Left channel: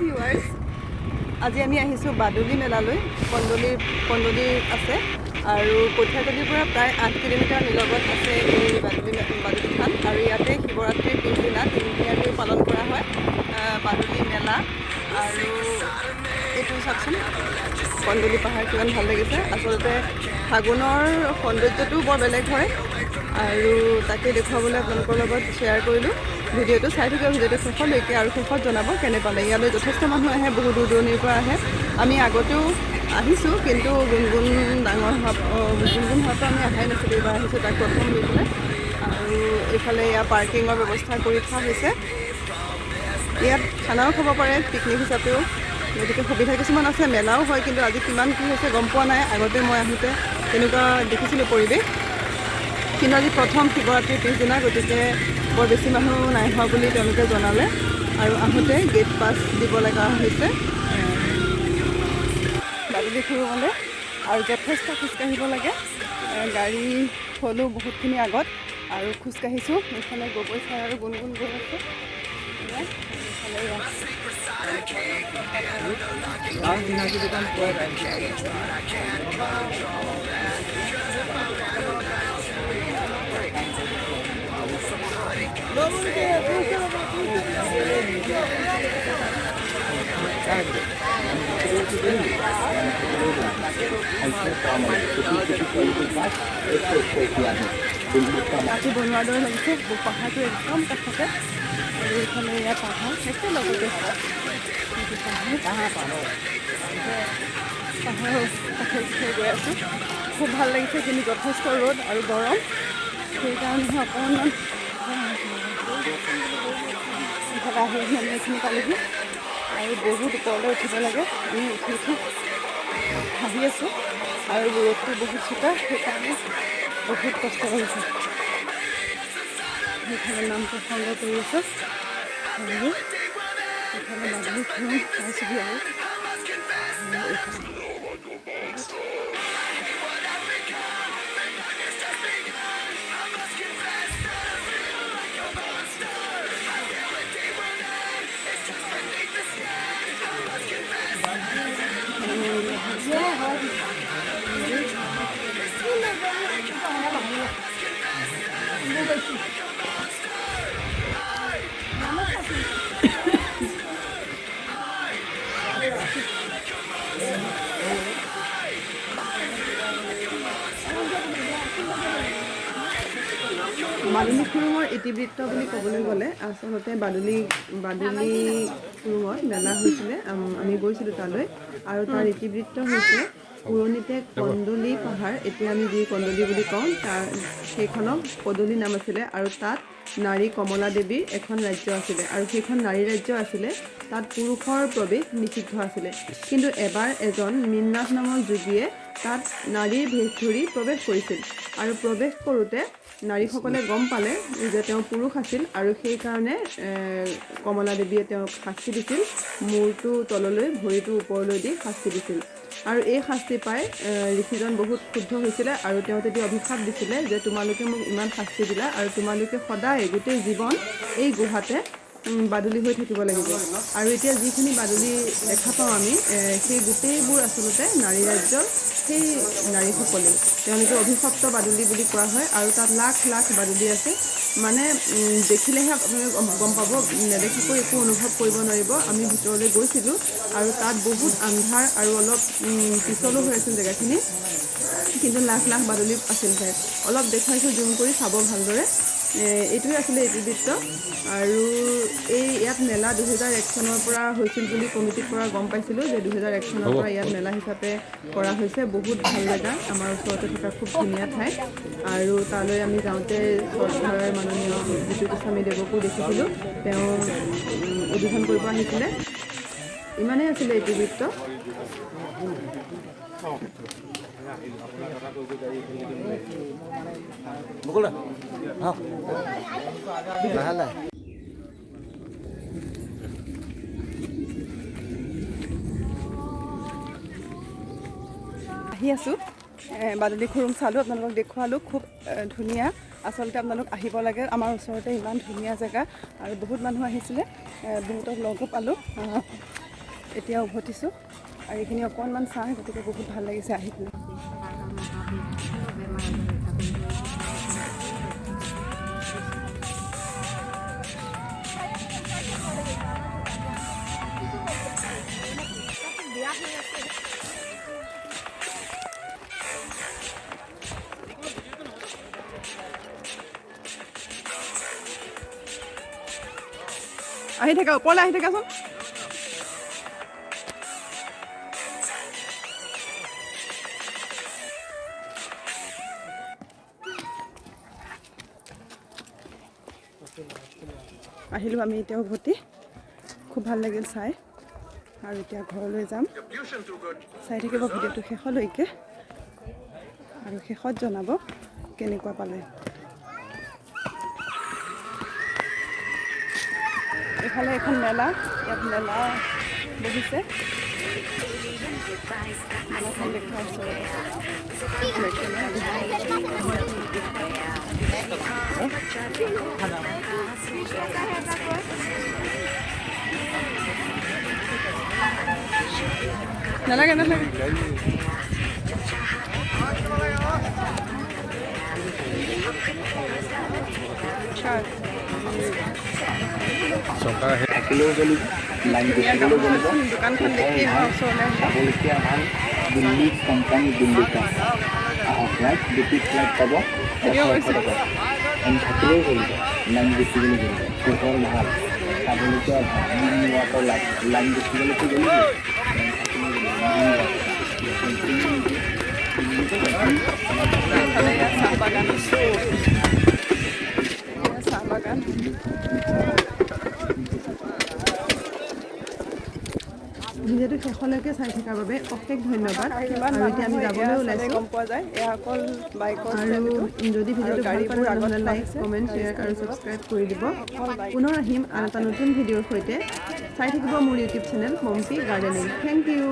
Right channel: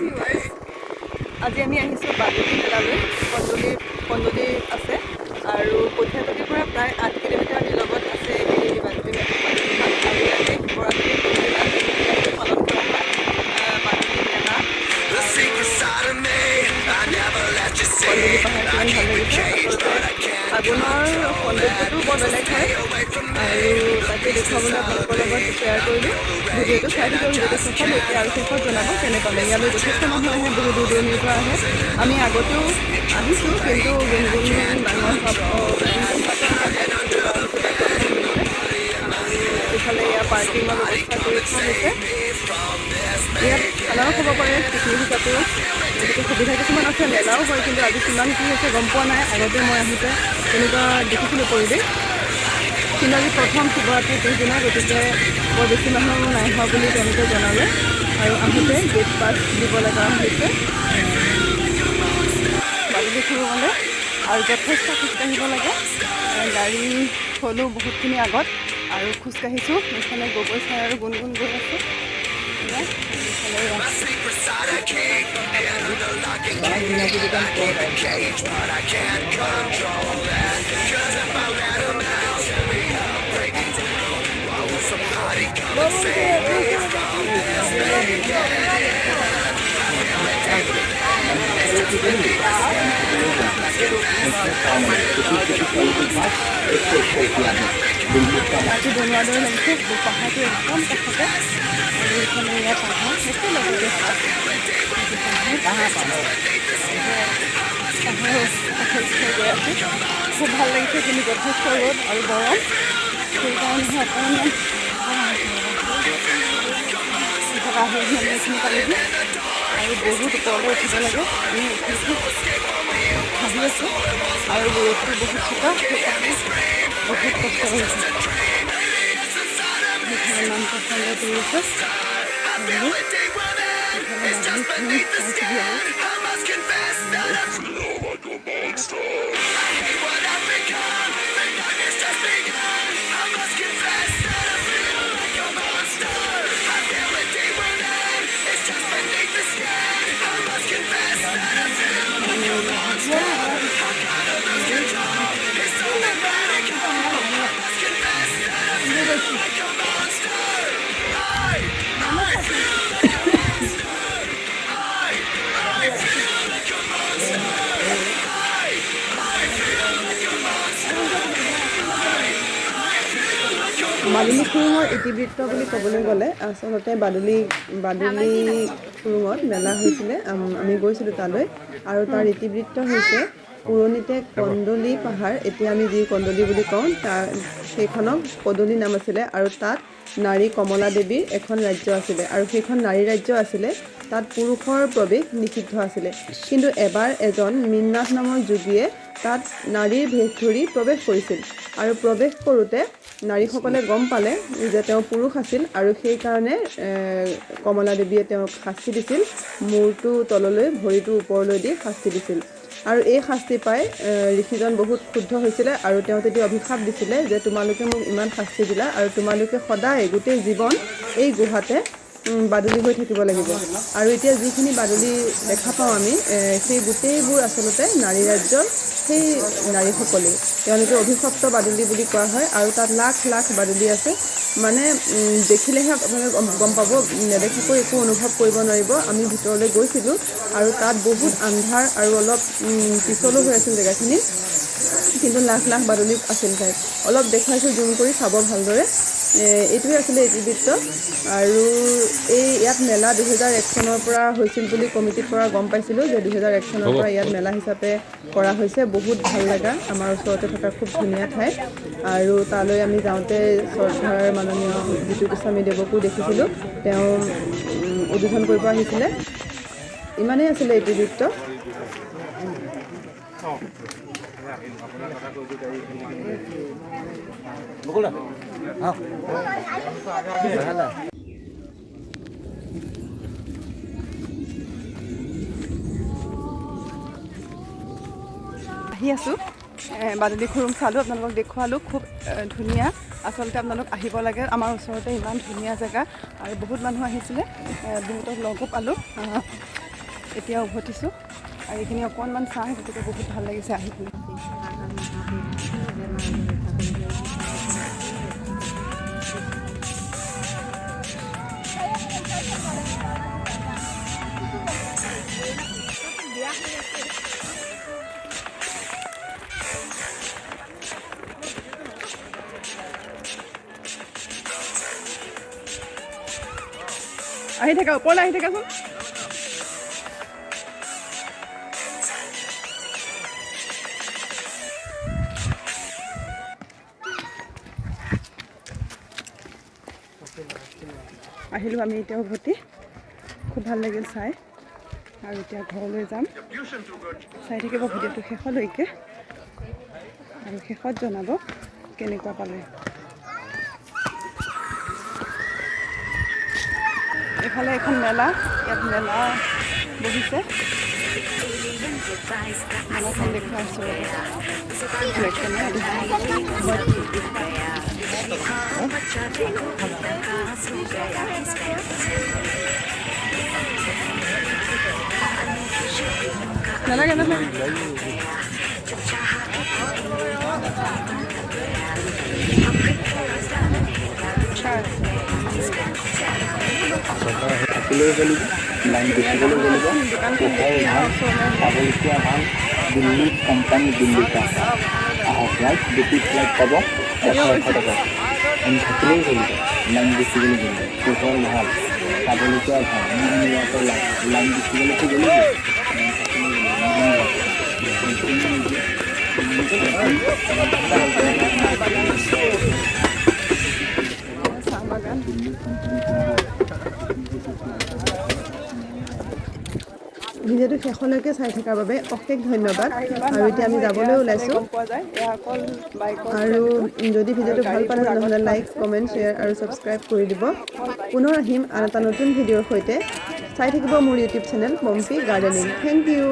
Viewers, আজি আমি আহিছোঁ বাদুলি মেলালৈ। কন্দলি আছে আৰু কঠীয়াতলীৰ পৰা প্ৰায় 8 কিলোমিটাৰ নিলগত আছে এই বাদুলিখন। আৰু ইয়াতে শিৱৰাত্ৰিৰ পিছদিনা তিনিদিনীয়াকৈ পালন কৰা হয় বাদুলি মেলা। আৰু কন্দলি পাহাৰ কিমান ভাল লাগিছে। আচলতে ফাগুনৰ সৌন্দৰ্যটোও বৰ বেলেগ হয় আৰু তাকে দেখুৱাবলৈ আপোনালোকৰ লগত শ্বেয়াৰ কৰিলোঁ। ভিডিঅ'টো চাই থাকিব, ভিডিঅ'টো শেষলৈকে, আৰু শেষত জনাব কেনে পালে। ইয়ালৈ যথেষ্ট মানুহ আহে, বহু দূৰ দূৰণিৰ পৰা আহে। আমি আগতেও আহিছোঁ, কিন্তু গুণগুণ ডাঙৰ গুণগুণ হোৱাৰ পৰা আমি অহাই নাছিলোঁ। এইবাৰ আহিছোঁ তাক প্ৰথম দেখিলে। আৰু এইফালে ইয়াৰ পাৰ্কিঙৰ ব্যৱস্থা কৰি থোৱা হৈছে। ইয়াত খানাও খাব পাৰে পিকনিক হিচাপেও, গতিকে সুবিধা কিছুমান আছে। মেলাও হয়, কিন্তু আজি কিমান কি হৈছে গম পোৱা নাই। আগতে মই আহোঁতে তেনেকুৱা দেখিছিলোঁ পৰিৱেশ, কিন্তু আজি প্ৰথম শিৱৰাত্ৰিৰ পিছদিনা, গতিকে বৰ বেছি মানুহ নাই হোৱা বুলি তেওঁলোকে জনালে। আৰু আহোঁতে গেট পাছ দিব লগা হৈছে বাদুলি খুৰুঙলৈ, আৰু যথেষ্ট খোজকাঢ়িব লাগে। গাড়ী থ'লোঁ বহুতখিনি আগত আৰু খোজকাঢ়িছোঁ। এইফালে গগৈ চাই আৰু গুণগুণ গৈ আছে। ৰাতি বনোৱাৰ দৰে লাগিছে। পাহাৰটো একদম কাষতে, আৰু এইফালে ইয়াৰ পাহাৰ একেলগতে পাহাৰৰ কাষে গৈ আছোঁ। খুব ভাল লাগিছে, কিন্তু যথেষ্ট ৰ'দ আৰু গৰম, সেইকাৰণেহে অকণমান ইফালে আহি আমি এইখিনি পালেহি। আৰু বহুত ওপৰলৈ উঠিব লাগে। আমি উঠি ভাবি আছোঁ, আৰু ৰ'দটো বহুত চোকা, সেইকাৰণে বহুত কষ্ট হৈছে। সেইফালে নাম প্ৰসংগ কৰি আছে, আৰু এইফালে বাদুলি খুৰুং পাইছেহি। আৰু বাদুলি খুৰুঙৰ ইতিবৃত্ত বুলি ক'বলৈ গ'লে, আচলতে বাদুলি খুৰুঙত মেলা হৈছিলে। আমি গৈছিলোঁ তালৈ, আৰু তাৰ ইতিবৃত্ত হৈছে পুৰণিতে কন্দলি পাহাৰ, এতিয়া আমি যি কন্দলি বুলি কওঁ, সেইখনক পদূলি নাম আছিলে। আৰু তাত নাৰী কমলা দেৱীৰ এখন ৰাজ্য আছিলে, আৰু সেইখন নাৰী ৰাজ্য আছিলে। তাত পুৰুষৰ প্ৰৱেশ নিষিদ্ধ আছিলে। কিন্তু এবাৰ এজন মীননাথ নামৰ যোগীয়ে তাত নাৰীৰ ভেষ ধৰি প্ৰৱেশ কৰিছিল, আৰু প্ৰৱেশ কৰোঁতে নাৰীসকলে গম পালে যে তেওঁ পুৰুষ আছিল, আৰু সেইকাৰণে কমলা দেৱীয়ে তেওঁক শাস্তি দিছিল। মূৰটো তললৈ, ভৰিটো ওপৰলৈ দি শাস্তি দিছিল। আৰু এই শাস্তি পাই ঋষিজন বহুত ক্ষুব্ধ হৈছিলে, আৰু তেওঁ তেতিয়া অভিশাপ দিছিলে যে তোমালোকে মোক ইমান শাস্তি দিলা, আৰু তোমালোকে সদায় গোটেই জীৱন এই গুহাতে বাদুলি হৈ থাকিব লাগিব। আৰু এতিয়া যিখিনি বাদুলি দেখা পাওঁ আমি, সেই গোটেইবোৰ আচলতে নাৰী ৰাজ্যৰ সেই নাৰীসকলেই, তেওঁলোকে অভিশপ্ত বাদুলি বুলি কোৱা হয়। আৰু তাত লাখ লাখ বাদুলি আছে। মানে দেখিলেহে আপোনালোকে গম পাব, নেদেখাকৈ একো অনুভৱ কৰিব নোৱাৰিব। আমি ভিতৰলৈ গৈছিলোঁ, আৰু তাত বহুত আন্ধাৰ আৰু অলপ পিছলো হৈ আছিল জেগাখিনি, কিন্তু লাখ লাখ বাদুলি আছিল তাত। অলপ দেখুৱাইছোঁ, জুম কৰি চাব ভালদৰে। এইটোৱে আছিলে ইতিবৃত্ত। আৰু ইয়াত মেলা 2001 চনৰ পৰা হৈছিল বুলি কমিটিৰ পৰা গম পাইছিলোঁ, যে 2001 চনৰ পৰা ইয়াত মেলা হিচাপে কৰা হৈছে। বহুত ভাল লগা, আমাৰ ওচৰতে থকা খুব ধুনীয়া ঠাই। আৰু তালৈ আমি যাওঁতে শ্ৰদ্ধাৰ মাননীয় জিতু গোস্বামী দেৱকো দেখিছিলোঁ, তেওঁ উদ্বোধন কৰিব আহিছিলে। ইমানেই আছিলে ইতিবৃত্ত। আহি আছোঁ, বাদুলি খুৰুং চালোঁ, আপোনালোকক দেখুৱালোঁ। খুব ধুনীয়া, আচলতে আপোনালোক আহিব লাগে। আমাৰ ওচৰতে ইমান ধুনীয়া জেগা, আৰু বহুত মানুহ আহিছিলে, বহুতক লগো পালোঁ। এতিয়া উভতিছোঁ আৰু এইখিনি অকণমান চাহ, গতিকে বহুত ভাল লাগিছে আহি পিনে। আহি থাকা, ওপৰলৈ আহি থাকাচোন। আহিলোঁ আমি এতিয়া উভতি, খুব ভাল লাগিল চাই, আৰু এতিয়া ঘৰলৈ যাম। চাই থাকিব ভিডিঅ'টো শেষলৈকে, আৰু শেষত জনাব কেনেকুৱা পালে। এইফালে এখন মেলা, ইয়াত মেলা বহিছে। মেলাখন দেখুৱাইছোঁ। নালাগে নহয়। দোকানখন দেখি চাবলগীয়া ভাল দিল্লী কোম্পানী দিল্লী ফ্লাইট দুটি ফ্লাইট পাব 100 টকা আমি থাকিলেও চলিব লাইন দেখিবলৈ গ'লে পোহৰ ভাল চাবলগীয়া ভাল লাইন দেখিবলৈতো গ'লেই চাহ বাগান। ভিডিঅ'টো শেষলৈকে চাই থকাৰ বাবে অশেষ ধন্যবাদ। আৰু এতিয়া আমি যাবলৈ ওলাইছোঁ। আৰু যদি ভিডিঅ'টো ভাল পালে তেনেহ'লে লাইক, কমেণ্ট, শ্বেয়াৰ আৰু ছাবস্ক্ৰাইব কৰি দিব। পুনৰ আহিম আন এটা নতুন ভিডিঅ'ৰ সৈতে। চাই থাকিব মোৰ YouTube channel Pompi gardening. Thank U.